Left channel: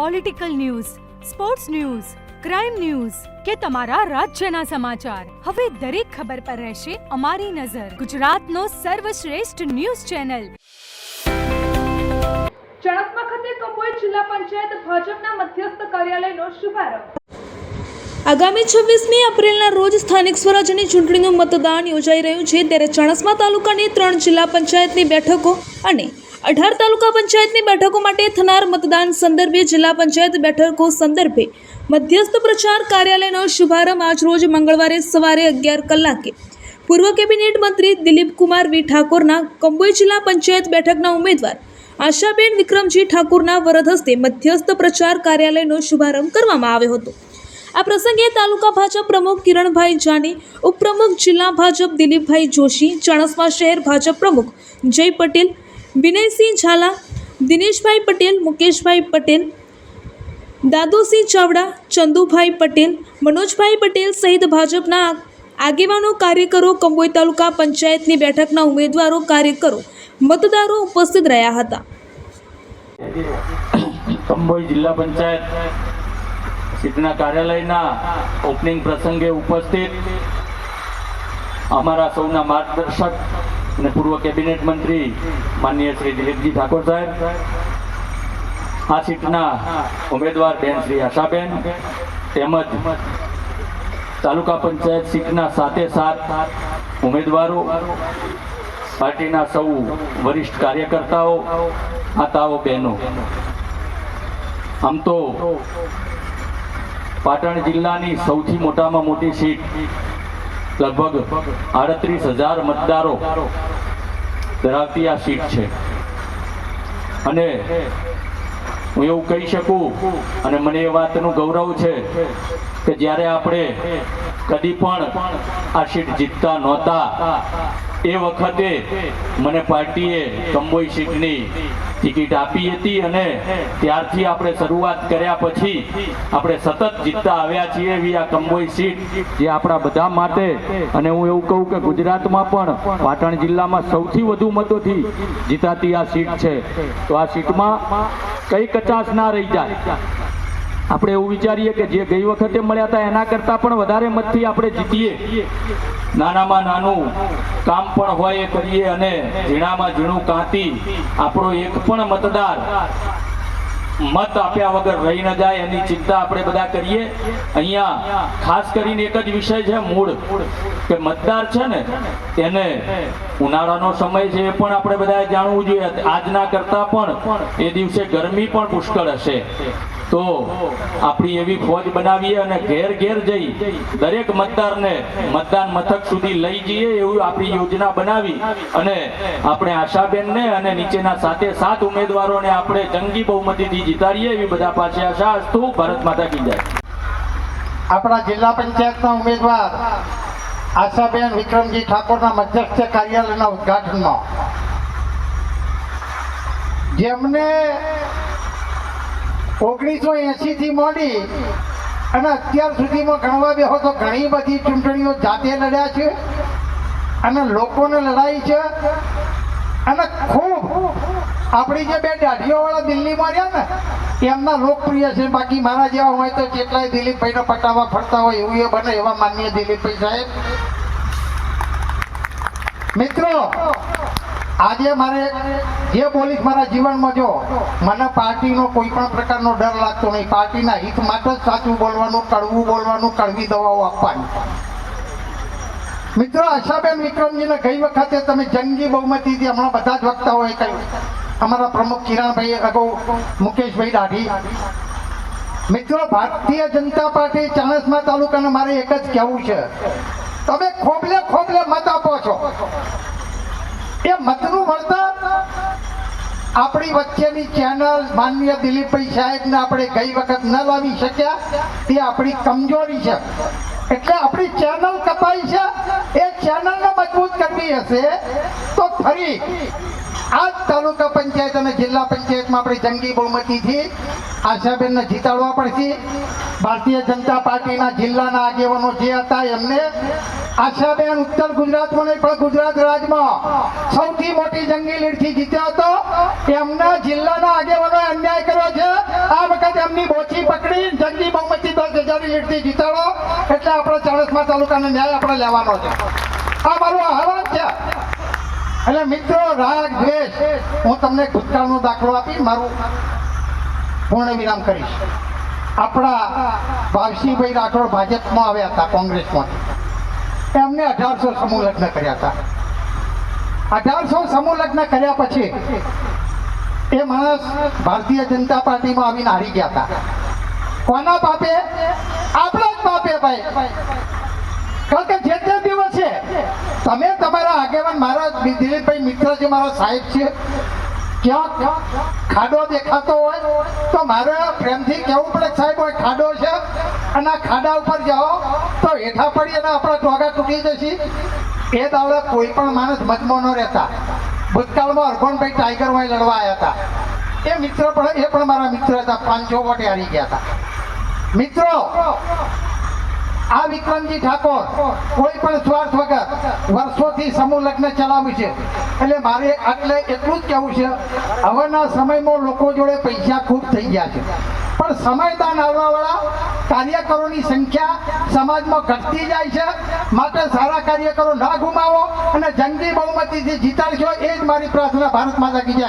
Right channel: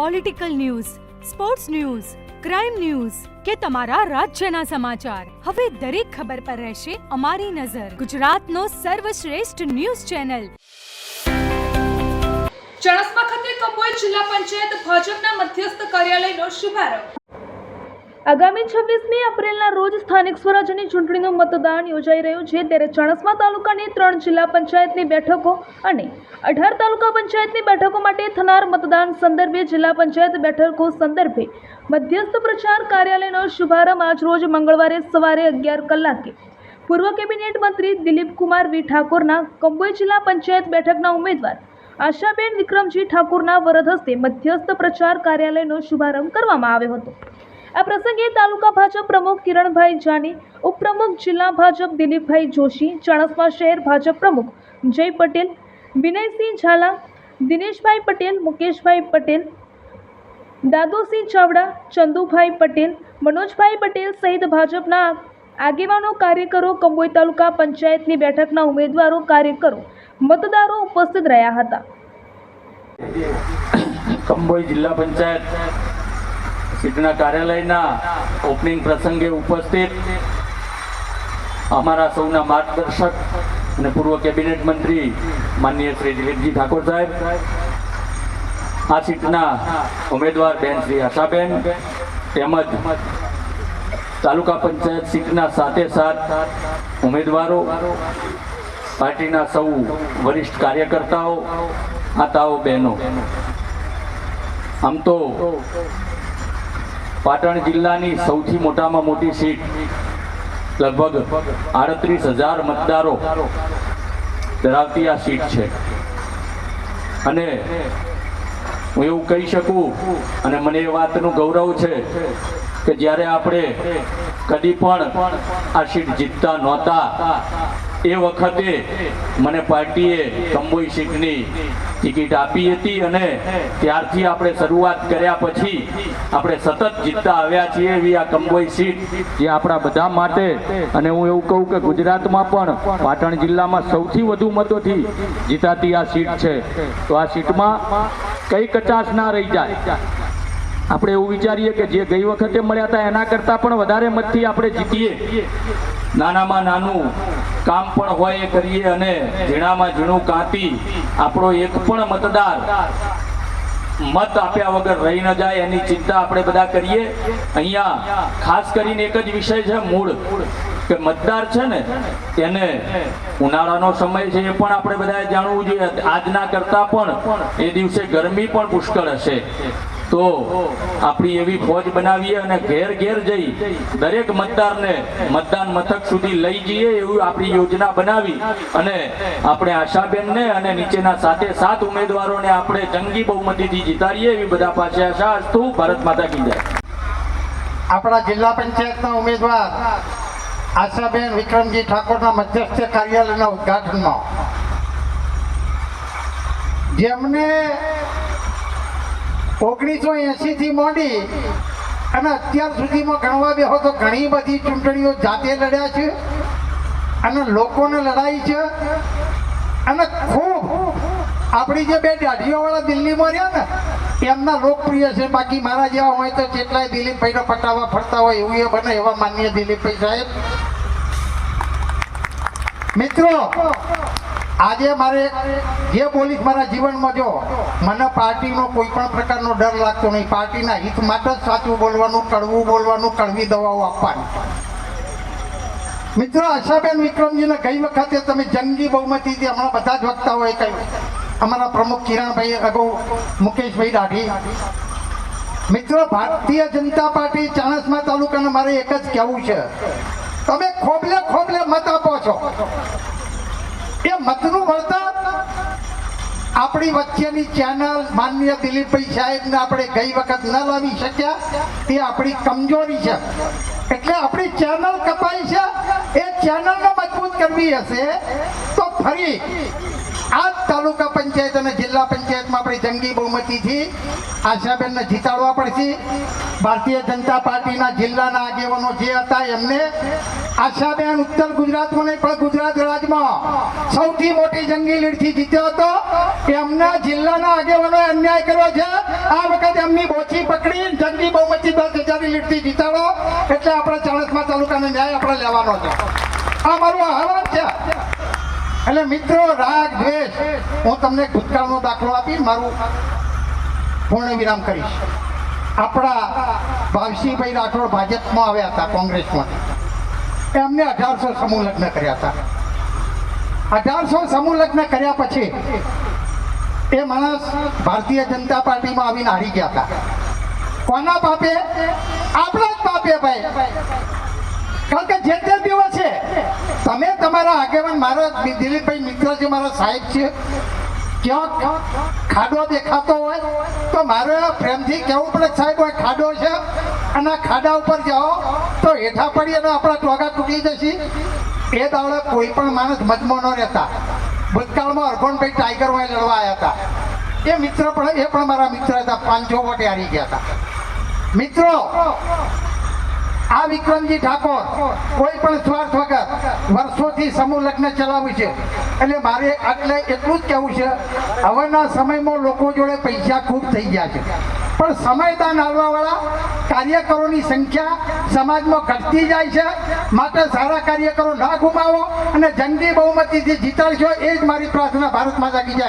Political news, sports news, crime news કે તમારા રાજ્યના સમાચાર, હવે દરેક ખબર પર રહેશે અમારી નજર. ગુજરાતનો સર્વશ્રેષ્ઠ ન્યૂઝ ચેનલ. ચણસમા ખાતે કંબોઈ જિલ્લા પંચાયત ભાજપના મધ્યસ્થ કાર્યાલયનો શુભારંભ. આગામી 26મી એપ્રિલના રોજ સ્થાનિક સ્વરાજ્યની ચૂંટણીનું મતદાન યોજાઈ રહ્યું છે, ત્યારે ચણસમા તાલુકાની 3 જિલ્લા પંચાયતની બેઠકો અને 18 તાલુકા પંચાયતની બેઠકો માટે થનાર મતદાન સંદર્ભે જિલ્લા પંચાયત બેઠકો સંદર્ભે મધ્યસ્થ પ્રચાર કાર્યાલયનો શુભારંભ આજરોજ મંગળવારે સવારે 11 કલાકે પૂર્વ કેબિનેટ મંત્રી દિલીપ કુમાર વી ઠાકોરના કંબોઈ જિલ્લા પંચાયત બેઠકના ઉમેદવાર આશાબેન વિક્રમજી ઠાકોરના વરદ હસ્તે મધ્યસ્થ પ્રચાર કાર્યાલયનો શુભારંભ કરવામાં આવ્યો હતો. આ પ્રસંગે તાલુકા ભાજપ પ્રમુખ કિરણભાઈ જાની, ઉપપ્રમુખ જિલ્લા ભાજપ દિલીપભાઈ જોશી, ચણસમા શહેર ભાજપ પ્રમુખ જય પટેલ, વિનયસિંહ ઝાલા, દિનેશભાઈ પટેલ, મુકેશભાઈ પટેલ, દાદુસિંહ ચાવડા, ચંદુભાઈ પટેલ, મનોજભાઈ પટેલ સહિત ભાજપના આગેવાનો, કાર્યકરો, કંબોઈ તાલુકા પંચાયતની બેઠકના ઉમેદવારો, કાર્યકરો, મતદારો ઉપસ્થિત રહ્યા હતા. કંબોઈ જિલ્લા પંચાયત સીટના કાર્યાલયના ઓપનિંગ પ્રસંગે ઉપસ્થિત અમારા સૌના માર્ગદર્શક અને પૂર્વ કેબિનેટ મંત્રી માનનીય શ્રી દિલીપજી ઠાકોર સાહેબ, આ સીટના ઉમેદવાર બેન શ્રી આશાબેન, તેમજ તાલુકા પંચાયત સીટના 7 ઉમેદવારો, પાર્ટીના સૌ વરિષ્ઠ કાર્યકર્તાઓ, માતાઓ, બહેનો. આમ તો પાટણ જિલ્લાની સૌથી મોટામાં મોટી સીટ, લગભગ 38,000 મતદારો ધરાવતી આ સીટ છે. અને હું એવું કહી શકું, અને મને એ વાતનું ગૌરવ છે કે જ્યારે આપણે કદી પણ આ સીટ જીતતા નહોતા એ વખતે મને પાર્ટીએ કંબોઈ સીટની ટિકિટ આપી હતી, અને ત્યારથી આપણે શરૂઆત કર્યા પછી આપણે સતત જીતતા આવ્યા છીએ એવી આ કંબોઈ સીટ જે આપણા બધા માટે, અને હું એવું કહું કે ગુજરાતમાં પણ પાટણ જિલ્લામાં સૌથી વધુ મતોથી જીતાતી આ સીટ છે. તો આ સીટમાં કઈ કચાશ ના રહી જાય. આપણે એવું વિચારીએ કે જે ગઈ વખતે મળ્યા હતા એના કરતાં પણ વધારે મતથી આપણે જીતીએ, નાનામાં નાનું કામ પણ હોય એ કરીએ, અને ઝીણામાં ઝીણું કાંતી આપણો એક પણ મતદાર મત આપ્યા વગર રહી ન જાય એની ચિંતા આપણે બધા કરીએ. અહીંયા ખાસ કરીને એક જ વિષય છે મૂળ, કે મતદાર છે ને એને ઉનાળાનો સમય છે એ પણ આપણે બધાએ જાણવું જોઈએ. આજના કરતાં પણ એ દિવસે ગરમી પણ પુષ્કળ હશે, તો આપણી એવી ફોજ બનાવીએ અને ઘેર ઘેર જઈ દરેક મતદારને મતદાન મથક સુધી લઈ જઈએ એવી આપણી યોજના બનાવી અને આપણે આશાબેનને અને નીચેના 7 ઉમેદવારોને આપણે જંગી બહુમતીથી જીતાડીએ એવી બધા પાસે આશા. અસ્તુ. ભારત માતા કી જય. આપણા જિલ્લા પંચાયતના ઉમેદવાર આશાબેન વિક્રમજી ઠાકોરના મધ્યસ્થ કાર્યાલયના ઉદ્ઘાટનમાં જેમને 1980 થી માંડી અને અત્યાર સુધીમાં ગણવા બેહો તો ઘણી બધી ચૂંટણીઓ જાતે લડ્યા છે અને લોકોને લડાઈ છે, અને ખૂબ આપણી જે 2 દાઢીઓવાળા દિલ્હીમાં રહ્યા ને એમના લોકપ્રિય છે. બાકી મારા જેવા હોય તો કેટલાય દિલીપભાઈના પટ્ટામાં ફરતા હોય એવું એ બને એવા માનનીય દિલીપભાઈ સાહેબ. મિત્રો, આજે મારે જે બોલીશ મારા જીવનમાં, જો મને પાર્ટીનો કોઈ પણ પ્રકારનો ડર લાગતો નહીં. પાર્ટીના હિત માટે જ સાચું બોલવાનું, કડવું બોલવાનું, કડવી દવાઓ આપવાની. મિત્રો, આશાબેન વિક્રમજીને ગઈ વખતે તમે જંગી બહુમતીથી હમણાં બધા જ વક્તાઓએ કહ્યું, અમારા પ્રમુખ કિરણભાઈ, અગાઉ મુકેશભાઈ દાઢી. મિત્રો, ભારતીય જનતા પાર્ટી ચણસમા તાલુકાને મારે એક જ કહેવું છે, તમે ખોબલે મત આપો છો, એ મતનું વળતર આપણી વચ્ચેની ચેનલ માનનીય દિલીપભાઈ સાહેબને આપણે ગઈ વખત ન લાવી શક્યા, તે આપણી કમજોરી છે. એટલે આપણી ચેનલ કપાઈ છે, એ ચેનલને મજબૂત કરવી હશે તો ફરી આ તાલુકા પંચાયત અને જિલ્લા પંચાયતમાં આપણે જંગી બહુમતીથી આશાબેનને જીતાડવા પડશે. ભારતીય જનતા પાર્ટીના જિલ્લાના આગેવાનો જે હતા એમને આશાબેન ઉત્તર ગુજરાતમાં નહીં પણ ગુજરાત રાજ્યમાં સૌથી મોટી જંગી લીડથી જીત્યો હતો. એમના જિલ્લાના આગેવાનોએ અન્યાય કર્યો છે. આ વખતે એમની બોછી પકડી જંગી બહુમતી 10,000 લીડથી જીતાડો એટલે આપણે ચાણસ્મા તાલુકાનો ન્યાય આપણે લેવાનો છે. આ મારો આહવાન છે. એટલે મિત્રો, રાગ દ્વેષ, હું તમને ભૂતકાળનો દાખલો આપી મારું પૂર્ણ વિરામ કરીશ. આપણા ભાવસિંહભાઈ રાઠોડ ભાજપમાં આવ્યા હતા, કોંગ્રેસમાં. એમને 1800 સમૂહ લગ્ન કર્યા હતા. 1800 સમૂહ લગ્ન કર્યા પછી એ માણસ ભારતીય જનતા પાર્ટીમાં આવીને હારી ગયા હતા. કોના પાપે? આપણા જ પાપે ભાઈ. કારણ કે જે તે દિવસે તમે તમારા આગેવાન, મારા દિલીપભાઈ મિત્ર છે, મારા સાહેબ છે, ક્યાં ખાડો દેખાતો હોય તો મારે પ્રેમથી કહેવું પડે, સાહેબ હોય ખાડો છે અને આ ખાડા ઉપર જાઓ તો હેઠા પડી અને આપણા ટોગા તૂટી જશે. એ દાડે કોઈ પણ માણસ મજમો ન રહેતા. ભૂતકાળમાં અરગોણભાઈ ટાઈગરમાં લડવા આવ્યા હતા. એ મિત્ર પણ, એ પણ મારા મિત્ર હતા. 500 વોટે હારી ગયા હતા. મિત્રો, આ વિક્રમજી ઠાકોર કોઈ પણ સ્વાર્થ વગર વર્ષોથી સમૂહ લગ્ન ચલાવ્યું છે. એટલે મારે એટલે એટલું જ કહેવું છે, હવેના સમયમાં લોકો જોડે પૈસા ખૂબ થઈ ગયા છે, પણ સમયદાન આવવાવાળા કાર્યકરોની સંખ્યા સમાજમાં ઘટતી જાય છે. માટે સારા કાર્યકરો ના ગુમાવો અને જંગી બહુમતીથી જીતાડશો, એ જ મારી પ્રાર્થના. ભારત માતા કી જય.